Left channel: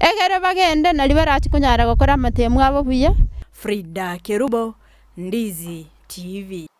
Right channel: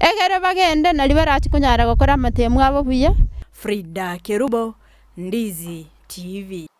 egere bagende na libera chikunyara gukora matemu abo buya. Frida Kerubo, Ndizi TV.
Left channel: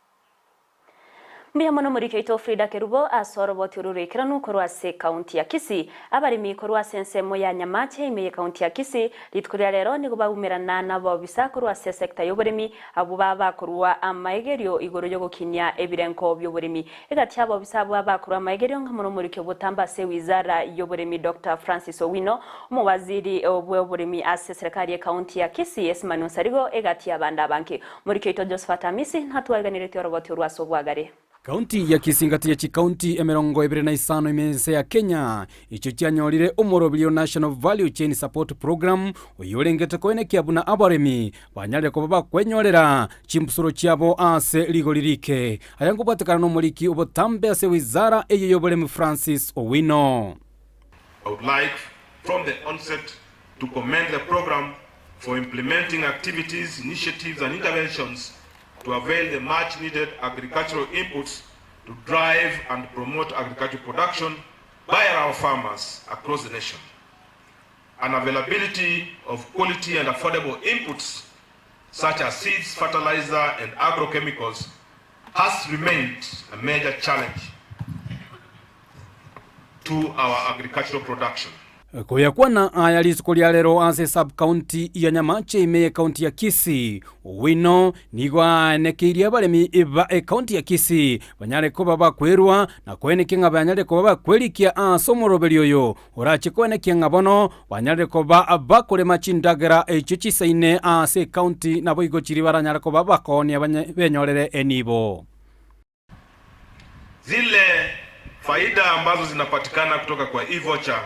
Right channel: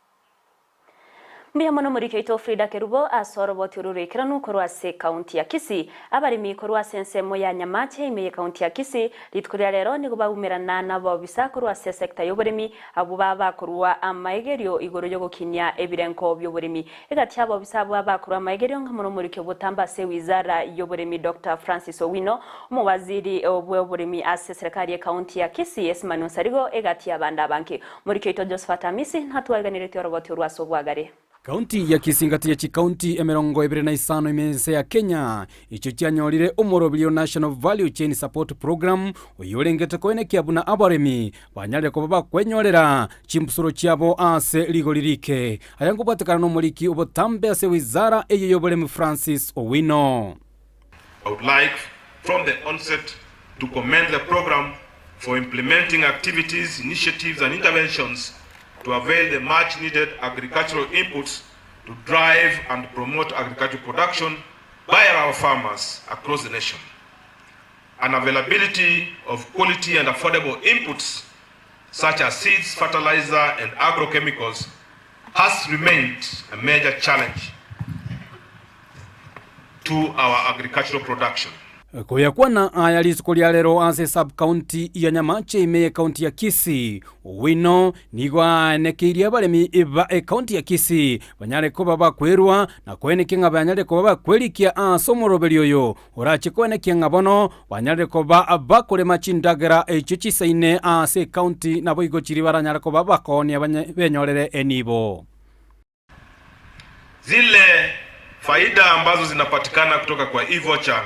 Mbia mono muri keito Frida Kerubo asoro boturure kiranu korwase county ya Kisii abarimi korwase nsemo ya Nyamache imeye county ya Kisii litkuria rero ni kubagumirana nabo bisa korwase sector y'uburimi abo baba korwa amaegerio igoro yo gukinya ebirenko by'uburimi egati abo bisa abo baba korwa amaegerio nkamono muri ke butamba se wizara y'uburimi Dr. Francis Owino umuwaziri w'uburimi ase serikali ya county ya Kisii Esmanu Sarigo egati abanda banki muri keito Josephat Amisi ntatuwaganire tyo boturwaso bwagare. Kaunti ya Kisii ngati ya chikaunti emerongo 25 imense ya Kenya icho cyanyorire umurobio National Value Chain Support Program uyolengete koenekya buna abaremi banyale ko baba kwenyorera chimpusuro cyabo ase ligolirike ayango batakana no muliki ubotambe ase wizara eyoboremi Francis Owino. I would like from the onset to commend the program for implementing activities, initiatives and interventions to avail the much needed agricultural inputs to drive and promote agricultural production by our farmers across the nation. An availability of quality and affordable inputs such as seeds, fertilizer and agrochemicals has remained a major challenge to our agricultural production. Kuyakwana ayalisikulia lero ase sub-county ya Nyamache imeye county ya Kisii. Owino nigwa nekiria balemi iba county ya Kisii banyale ko baba kwerwa na kwenekinga banyale ko baba kwelikia asomorobelio yo orache kwenekinga bono banyale ko baba kulema chindagera echo chisaine ase county nabo igochiri baranyale ko baba koni abanyorere enibo. Zile faida ambazo zinapatikana kutoka kwa e-voucher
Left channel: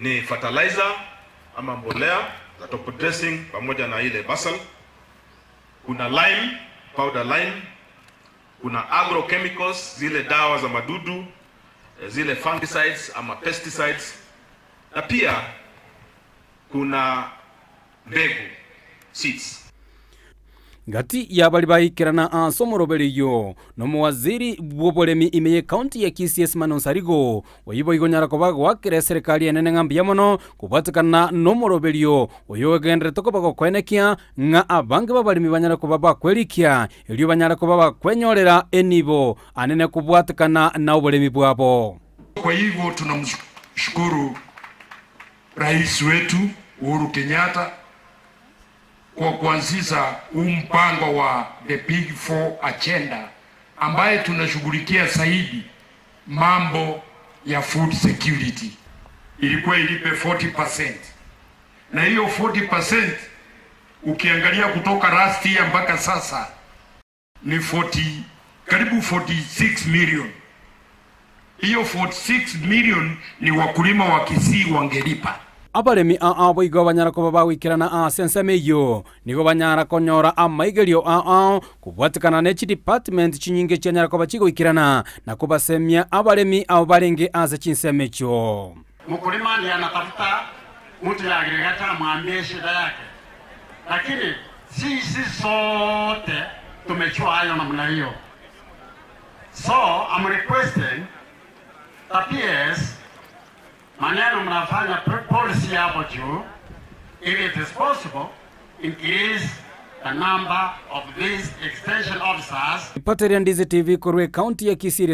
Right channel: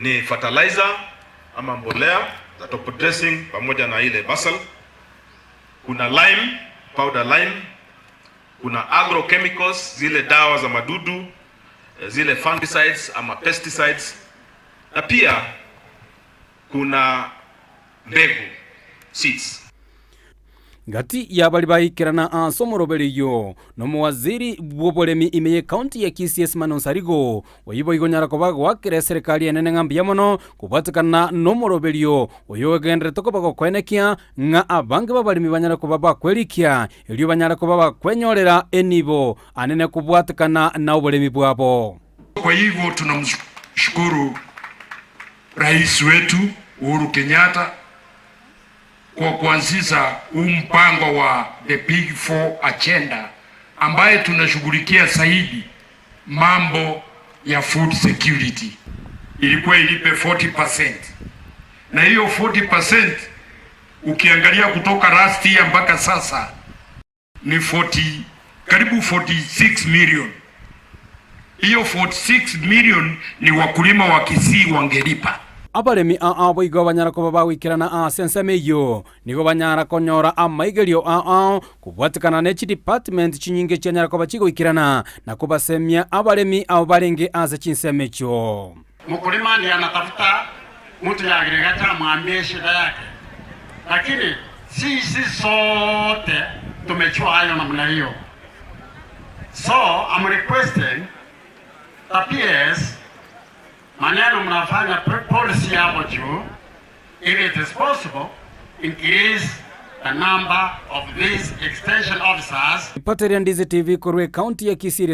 ni fertilizer ama mbolea za top dressing pamoja na ile basal, kuna lime, powder lime, kuna agrochemicals zile dawa za madudu, zile fungicides ama pesticides, na pia kuna mbegu seeds. Ngati ya bali bayikirana asomorobelio no muwaziri bwobolemi imeye county ya Kisii Esmanu Sarigo oyibo igonyara ko bagwakire serikali enene ngambi yamono kubatakana no morobelio oyogendere toko bago kwenekia nga abange babalimi banyara ko baba kwelikia elio banyara ko baba kwenyorera enibo anene kubwatakana na obolemi bwabo. Kwa hivyo tunamshukuru rais wetu Uhuru Kenyatta kwa kuanzisha mpango wa the Big Four agenda ambaye tunashughulikia zaidi mambo ya food security. Ilikuwa ilipe 40%. Na hiyo 40% ukiangalia kutoka last year mpaka sasa ni karibu 46 million. Hiyo 46 million ni wakulima wa Kisii wangelipa. Abaremi abo igo banyara ko baba wikirana sensemeyo nigo banyara konyora amaigelio kubwatikana nechi department chinyinge cyanyara ko bachigo wikirana na kubasemya abaremi abo barenge ase chinsemecho. Mkulima ndiye anatafuta mtu ya agregata mwambie shida yake, lakini sisi sote tumechua hayo namna hiyo. So I'm requesting that PS maneno mnafanya policy hapo juu, if it is possible, increase the number of these extension officers. Pateria Ndizi TV kurwe county ya Kisii.